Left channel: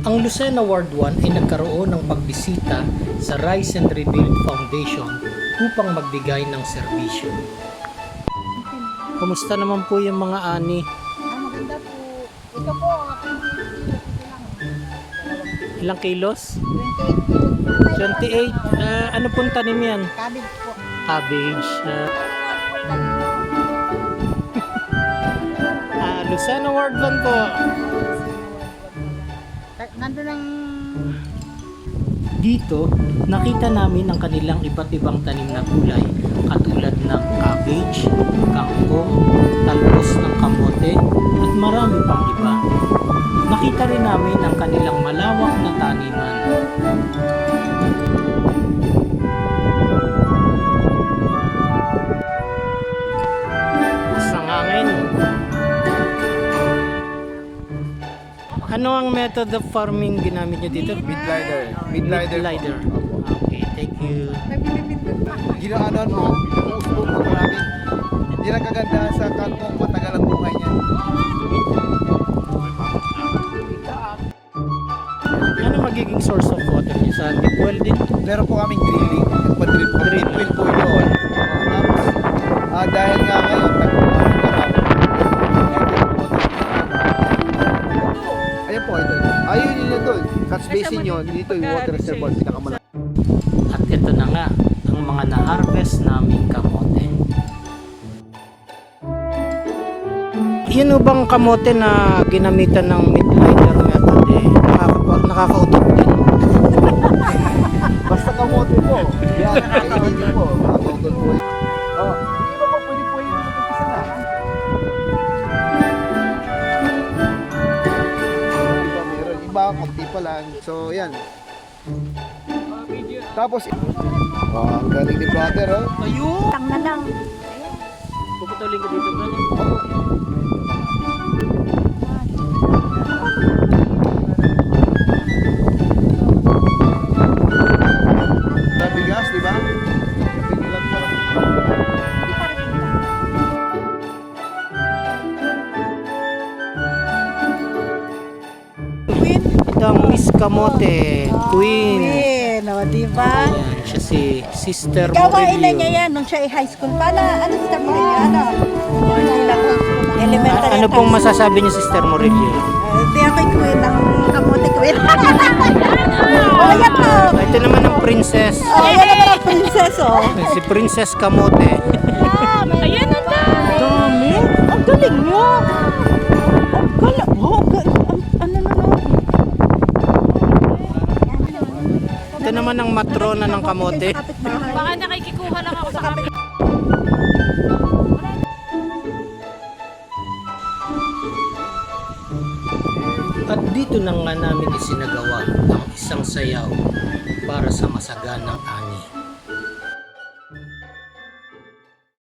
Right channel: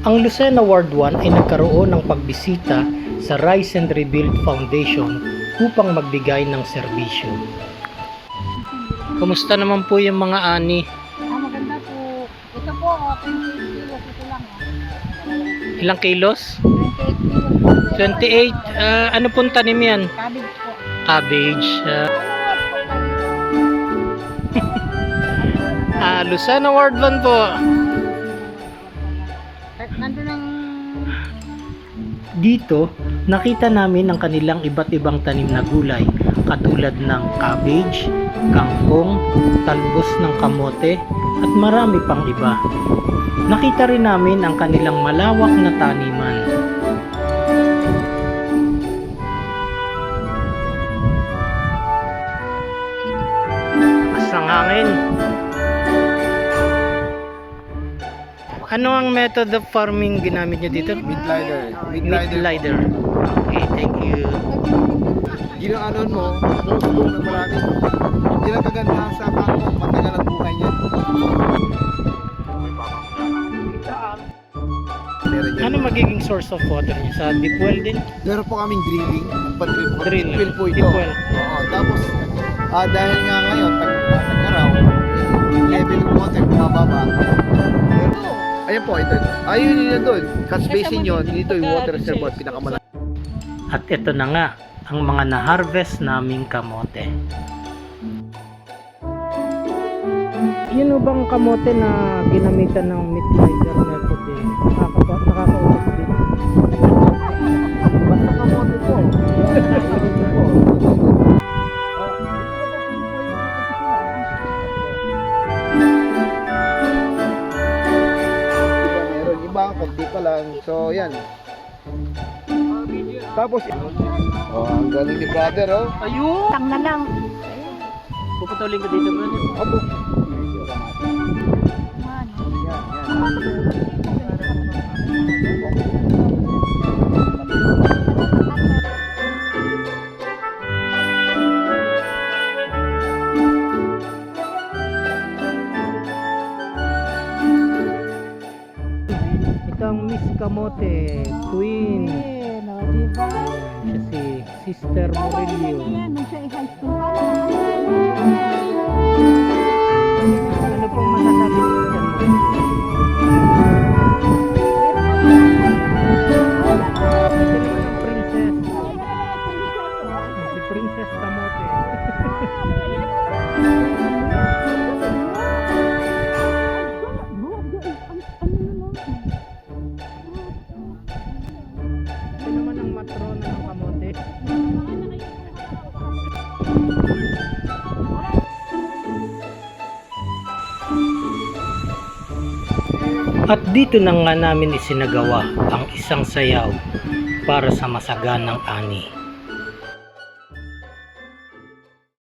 Ang Lucena Ward 1 ay nagkaroon ng pagbisita sa Rise and Rebuild Foundation upang magbigay ng serbisyo. Kumusta naman po yung mga ani? Maganda po. Ito po, 28 kilos. Ito lang. Ilang kilos? 28 kilos. 28. Ano pong tanim yan? Cabbage po. Cabbage. Lucena Ward 1 po. Nandun ang... Dito, nakita namin ang kanilang iba't ibang tanim na gulay katulad ng cabbage, kangkong, talbos ng kamote at marami pang iba. Nakita rin namin ang kanilang malawak na taniman. Asang hangin. Ano ang method of farming ginamit nyo dito? Mid-lider. Okay, thank you. Ginaanon mo, usbong na marami. Yan ang kagandahan sa kangkong, matagal ang buhay niyan. Ano magiging source of water niyo? Sa deep well din? Meron po kaming drilling, Drilling. pag-drill po yun. Tapos, dahil nga ngayon, pag-araw, level ng water, mababa. Ayan po, ito. Ayun yun doon. Catch basin yun. Dito yung water reservoir, pinakamalaki. At ito na nga, ang mga na-harvest naming kamote. Yun o bang kamote na ginamitan ng mid-lider method eh? Nakakautok din. Basta kamote po. Yan, nakakainin niyo po. Makakautot po. Oh, hindi ba po pwede po yung mag-umpisa na? Iba meron, iba, konti pa lang. So, yan. Tapos, ang galing ni brother, oh. Ayun! Tang na lang. Puputulin ko dito, bro. Apo. Bigas, di ba? Ito ang Miss Kamote, Queen. Queen, o, diba? Ayan, siya si Sister Gawain na niya Morillo. yan nung siya ay high school. Ano sa Murillo? Elementary. Ano pong masasabi niyo, Sister Morillo? Ito yung may Queen, ang kamote Queen. Oh, yan po. Ito naman ang princess. Oh, yan naman ang princess, oh. Si Princess Kamote. Ayan na na. Dami. Ang galing nyo. Ang galing. Oh, ano na no? Ito naman ang matrona ng kamote. Baka nakikikuha lang ako sa kapit. At dito na nga namin isinagawa ang isang sayaw para sa masaganang ani.